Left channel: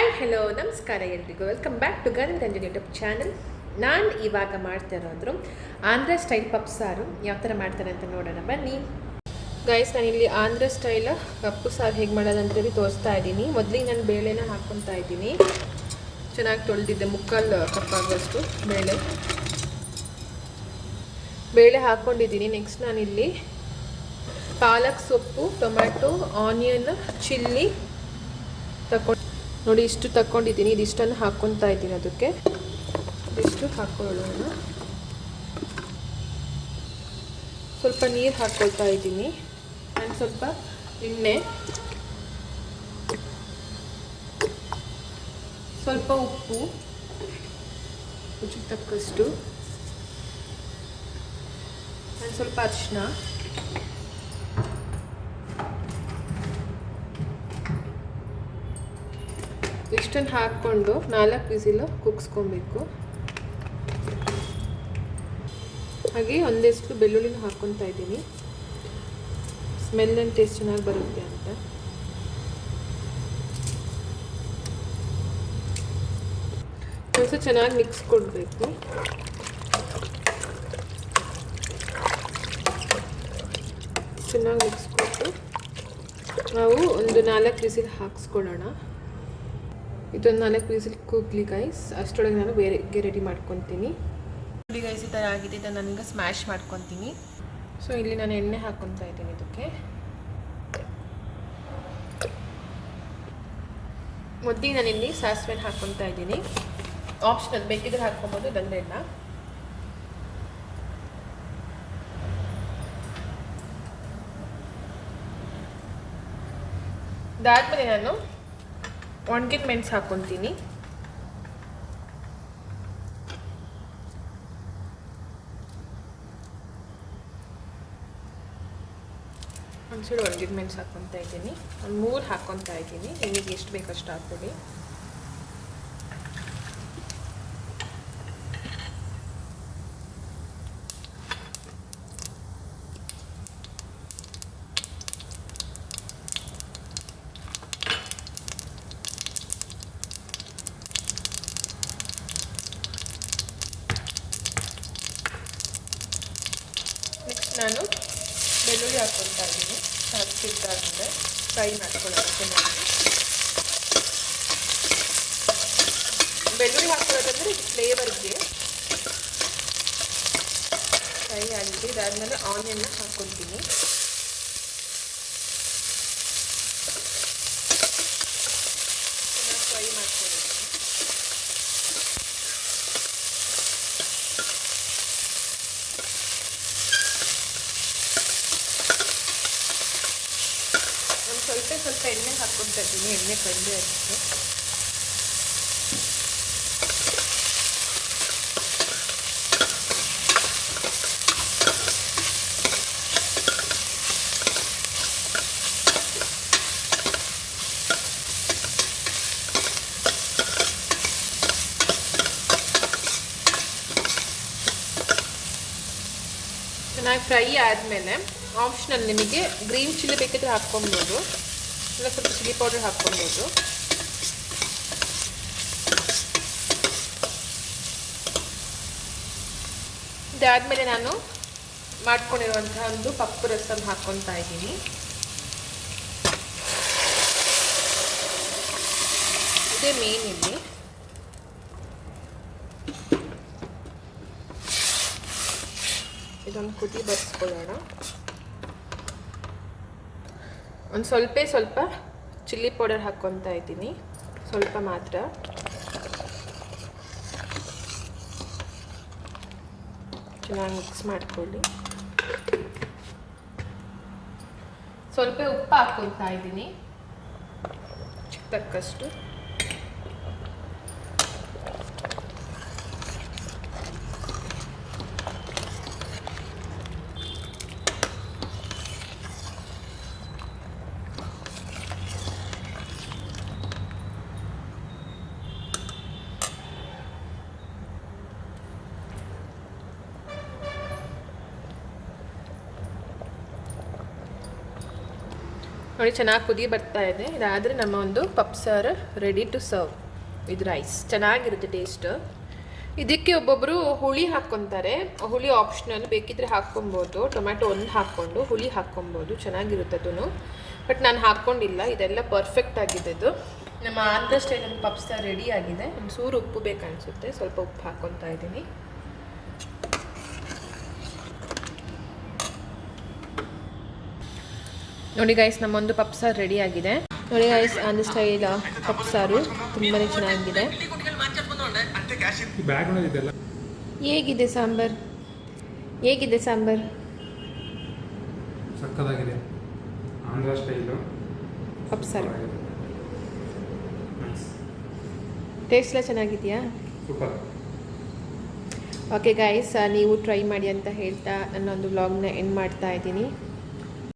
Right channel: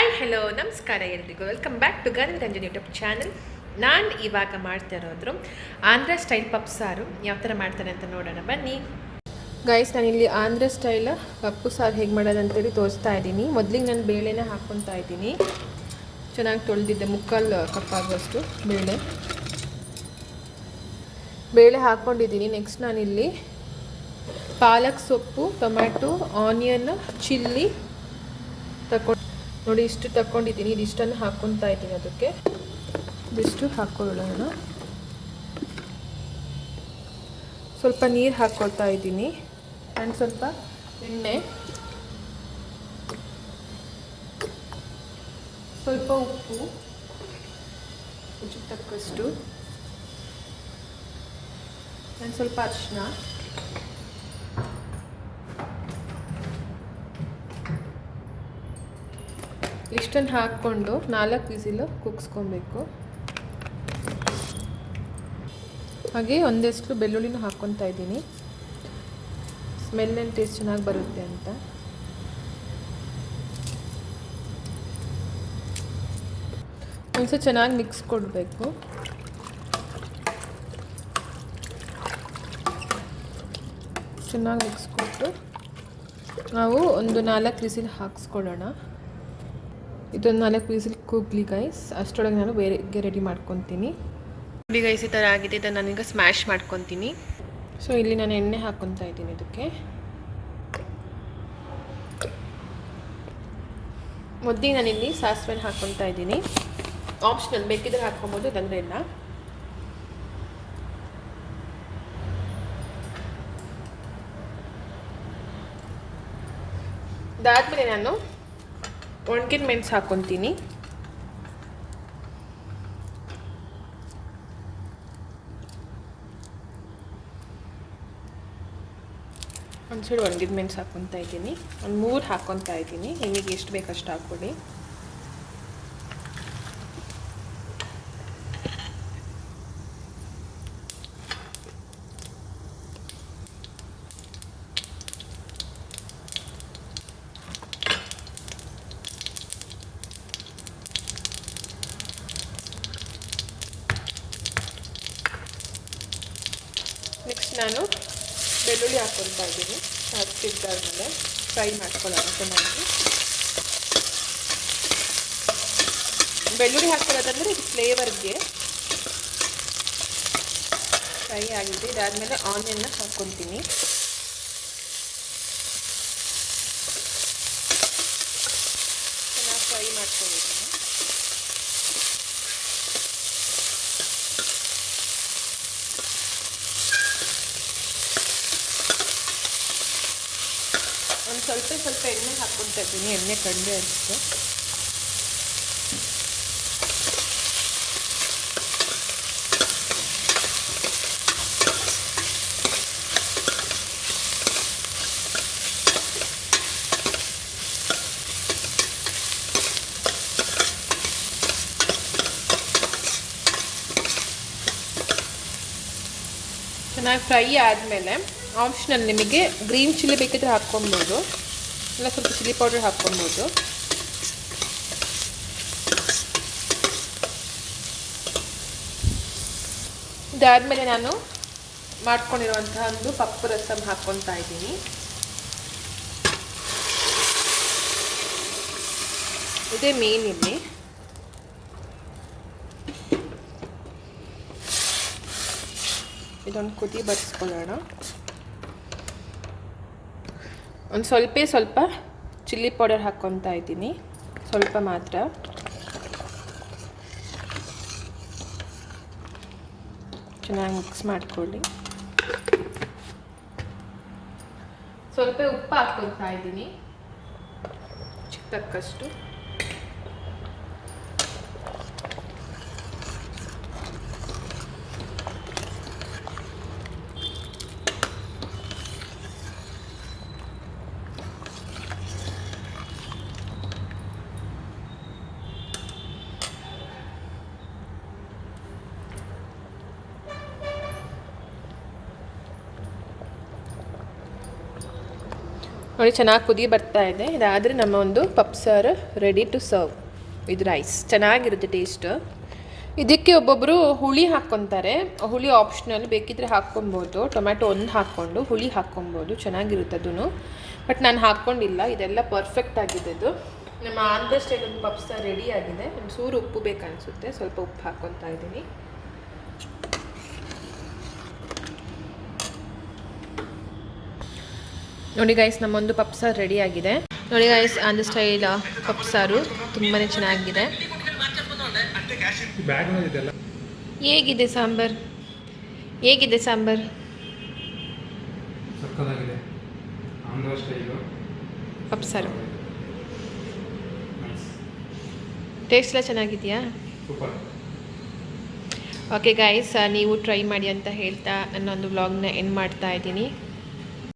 Hi hello ನಮಸ್ಕಾರ ಎಲ್ರಿಗೂ welcome back to ಗನ್ ರಂಜನ್ ಯೂಟ್ಯೂಬ್ ಚಾನಲ್. ನಾನು ಇವಾಗ ಮಾಡ್ತಾ ಇರೋದ್ರು ಆಂಧ್ರ ಸ್ಟೈಲ್ ಪಪ್ಪು ಸಾರು. ಯಾವ ಥರ ಮಾಡ್ತಾರೆ ಅಂತ ನೋಡೋಣ ಬನ್ನಿ ಗೈಸ್. ನಾನಿಲ್ಲಿ ಆಂಧ್ರ ಸ್ಟೈಲ್ ಪಪ್ಪು ಸಾರು ಹೇಗೆ ಮಾಡೋದಂತೇಳಿ ತೋರಿಸ್ತಾ ಇದ್ದೀನಿ. ಮೊದಲಿಗೆ ನಾನು ಬೇಳೆನ ಹಾಕ್ಕೊತಾ ಇದ್ದೀನಿ. ಚೆನ್ನಾಗಿ ತೊಳೆದಿದ್ದೆ, ಮುಕ್ಕಾಲು ಕಪ್ ಆಗುವಷ್ಟು ಬೇಳೆ ಹಾಕ್ಕೊಂಡಿದ್ದೀನಿ. ನೆಕ್ಸ್ಟ್ ನಾನಿಲ್ಲಿ ಪಾಲಕ್ ಸೊಪ್ಪು, ಟೊಮ್ಯಾಟೊ, ಆನಿಯನ್, ಚಿಲ್ಲಿ ತಗೊಂಡು ನೋಡಿ ಇಷ್ಟು ತಗೊಂಡಿದ್ದೀನಿ. ಇದಿಷ್ಟನ್ನು ಹಾಕ್ಕೊತಾ ಇದ್ದೀನಿ. ಅದಕ್ಕೆ ಇದಿಷ್ಟು ಹಾಕ್ಕೊಳ್ಳೋಣ. ಸ್ವಲ್ಪ ನೀರು ಹಾಕ್ಕೊಳ್ತಾ ಇದ್ದೀನಿ ಆ್ಯಂಡ್ ಸ್ವಲ್ಪ ಎಣ್ಣೆ, ಸ್ವಲ್ಪ ಉಪ್ಪು ರುಚಿಗೆ ತಕ್ಕಷ್ಟು ಆ್ಯಂಡ್ ಸ್ವಲ್ಪ ಅರಿಶಿನ, ಇಷ್ಟನ್ನು ಹಾಕ್ಕೊಂಡು 4 ವಿಸಿಲ್ ಕುಗ್ಸ್ಕೊಬೇಕು. ಹಾಗೆ ಒಂದಷ್ಟು ಬೆಳ್ಳುಳ್ಳಿನ ಹಾಕ್ಕೊತಾ ಇದ್ದೀನಿ, ಸ್ಮೆಲ್ ಆ್ಯಂಡ್ ಟೇಸ್ಟ್ ಚೆನ್ನಾಗಿ ಬರುತ್ತೆ ಅಂತ. ಒಂದ್ಸಲ ಚೆನ್ನಾಗಿ ಮಿಕ್ಸ್ ಕೊಡಬೇಕು. ಚೆನ್ನಾಗಿ ಮಿಕ್ಸ್ ಕೊಟ್ಟು ನಾವು ಒಂದು 4 ವಿಸಿಲ್ ಹಾಕ್ಸ್ಕೊಳ್ಳೋಣ. ಇದೊಂದು 4 ವಿಸಿಲ್ ಕೂಗ್ಲಿ ಗೈಸ್. ಅಷ್ಟರೊಳಗೆ ನಾನು ಬೇರೆಗೆ ರೆಡಿ ಮಾಡ್ಕೊತೀನಿ. ನೋಡಿ ಗೈಸ್, ಈ ಥರ ಆಗಿದೆ. ಇದನ್ನು ನಾನೀಗ ಸ್ಮ್ಯಾಶ್ ಮಾಡ್ಕೊತೀನಿ. ಸೊ ಇಲ್ಲಿ ನಾನು ಎಣ್ಣೆ ಹಾಕ್ಕೊತಾ ಇದ್ದೀನಿ. ಇದಕ್ಕೆ ಮೊದಲಿಗೆ ನಾನಿಲ್ಲಿ ಸಾಸಿವೆನ ಹಾಕ್ಕೊತಾ ಇದ್ದೀನಿ. ಆಪ್ಷನಲ್, ಬೇಕಿದ್ರೆ ಹಾಕ್ಕೊಬೋದು, ಇಲ್ಲಾಂದ್ರೆ ಇಲ್ಲ. ಇದಾದ್ಮೇಲೆ ನಾನು ಒಣಗಿನ ಮೆಣಸು ಹಾಕ್ಕೊತೀನಿ. ಒಂದು ಸೈಡ್ ಒಣಗಿದ ಮೆಣಸು ಹಾಕ್ಕೊತಾ ಇದ್ದೀನಿ. ಒಂದು 3 ಹಾಕ್ಕೊತಾ ಇದ್ದೀನಿ. ನಿಮಗೆ ಎಷ್ಟು ಬೇಕಷ್ಟು ಹಾಕ್ಕೊಡಿ. ನಾನು ಬೆಳ್ಳುಳ್ಳಿ ಹಾಕ್ಕೊತಾ ಇದ್ದೀನಿ. ಸಿಗ್ದಾದ್ಮೇಲೆ ಫ್ರೈ ಮಾಡ್ಕೊಳ್ಳೋಣ ಚೆನ್ನಾಗಿ. ಬೆಳ್ಳುಳ್ಳಿ ಹಾಕ್ಕೊಳ್ಳೋದಂದರೆ ಇದು ಫ್ಲೇವರ್ಗೆ ಫ್ರೈ ಆಗಿದೆ. ಇದಾದಮೇಲೆ ಆನಿಯನ್ನ ಹಾಕ್ಕೊತೀನಿ. ಚೆನ್ನಾಗಿ ಫ್ರೈ ಮಾಡ್ಕೊಂಡಿದ್ದೀನಿ. ಸ್ವಲ್ಪ ಎಣ್ಣೆ ಹಾಕ್ಕೊತಾ ಇದ್ದೀನಿ. ಎಣ್ಣೆ ಕಡಿಮೆ ಇರುತ್ತೆ. ಚೆನ್ನಾಗಿ ಫ್ರೈ ಆದಮೇಲೆ ಆಪ್ಷನಲ್, ನಿಮಗೆ ಗ್ರೀನ್ ಚಿಲ್ಲಿ ಬೇಕಿದ್ರೆ ಹಾಕ್ಕೊಬೋದು, ಇಲ್ಲ ಸ್ವಲ್ಪ ಚಿಲ್ಲಿ ಪೌಡರ್ ಹಾಕ್ಕೊಬೋದು. ಇದಾದಮೇಲೆ ನಾನು ಮಾಡ್ಕೊಂಡಿರುವಂಥ ಒಂದು ಪಪ್ಪು ರಸಮ್ ಹಾಕ್ಕೊತಾ ಇದ್ದೀನಿ. ಇದೇ ಮೇನ್ ಇಲ್ಲಿ. ಇದೊಂದು ಕುದಿ ಬಡಿಸ್ಕೊಳ್ಳೋಣ. ಒಂದು ಸ್ವಲ್ಪ ಚಿಲ್ಲಿ ಪೌಡರ್ ಹಾಕ್ಕೊತಾ ಇದ್ದೀನಿ, ಸ್ವಲ್ಪ ಮಾತ್ರ. ಚೆನ್ನಾಗಿ ಮಿಕ್ಸ್ ಮಾಡ್ಕೊಳ್ಳಿ. ಸ್ವಲ್ಪ ಉಪ್ಪು ಹಾಕ್ಕೊತಾ ಇದ್ದೀನಿ, ತಕ್ಕಷ್ಟು. ನೋಡಿ ಚೆನ್ನಾಗಿ ಕುದಿ ಬರ್ತಾ ಇದೆ. ಇದಾದರೆ ನಮ್ಮ ಒಂದು ಪಪ್ಸಾರು ready to serve with rice. ಚೆನ್ನಾಗಿರುತ್ತೆ ಟೇಸ್ಟ್. ಇದಕ್ಕೆ ಒಬ್ಬೊಬ್ಬರು ಹುಳಿ ಹಾಕ್ಕೊತಾರೆ. ಹುಳಿ ಆಪ್ಷನಲ್, ಬೇಕಿದ್ರೆ ಹಾಕ್ಕೊಬೋದು. ಟೊಮ್ಯಾಟೊ ಒಂದು ಹಾಕ್ಕೊಂಡು ಹುಳಿ ಹಾಕ್ಕೊಬೋದು, ಚೆನ್ನಾಗಿರುತ್ತೆ ಅದೂ. ಬಟ್ ನಾನು ಹಾಕ್ಕೊಂಡಿಲ್ಲ. ಇದೆಲ್ಲ ಪರ್ಫೆಕ್ಟ್ ಆಗಿದೆ. ಇದು ನಮ್ಮ ಆಂಧ್ರ ಸ್ಟೈಲ್ ಒಂದು ಪಪ್ಸಾರು ರೆಡಿ ಆಗಿದೆ. ಒಂಚೂರು ಉಪ್ಪು ಬೇಕನ್ನಿಸುತ್ತೆ, ಸ್ವಲ್ಪ ಉಪ್ಪು ಹಾಕ್ಕೊತಾ ಇದ್ದೀನಿ. ನೋಡಿ ಗೈಸ್, ನಮ್ಮೊಂದು ಪಪ್ಸಾರು ರೆಡಿ ಆಗಿದೆ. ನೋಡಿ ಗೈಸ್, ಆಂಧ್ರ ಸ್ಟೈಲ್ ಪಪ್ಸಾರು ತುಂಬಾ ಚೆನ್ನಾಗಿದೆ. ಹೇಗಿದೆ ಸಾಂಬಾರ್? ಹೇಗಿದೆ ಸಾಂಬಾರ್? ಸಕ್ಕತ್ತಾಗಿದೆ. ಆಂಧ್ರ ಸ್ಟೈಲು ಪಪ್ಸಾರು ಟೇಸ್ಟ್ ಎಲ್ಲ ಚೆನ್ನಾಗಿದೆಯಾ? ಸೂಪರ್. ಓಕೆ ಗೈಸ್, ನೀವು ಟ್ರೈ ಮಾಡಿ ಅಂತ ಹೇಳ್ತಾ ನನ್ನೊಂದು ವ್ಲಾಗ್ನ ಎಂಡ್ ಮಾಡ್ತಾ ಇದ್ದೀನಿ.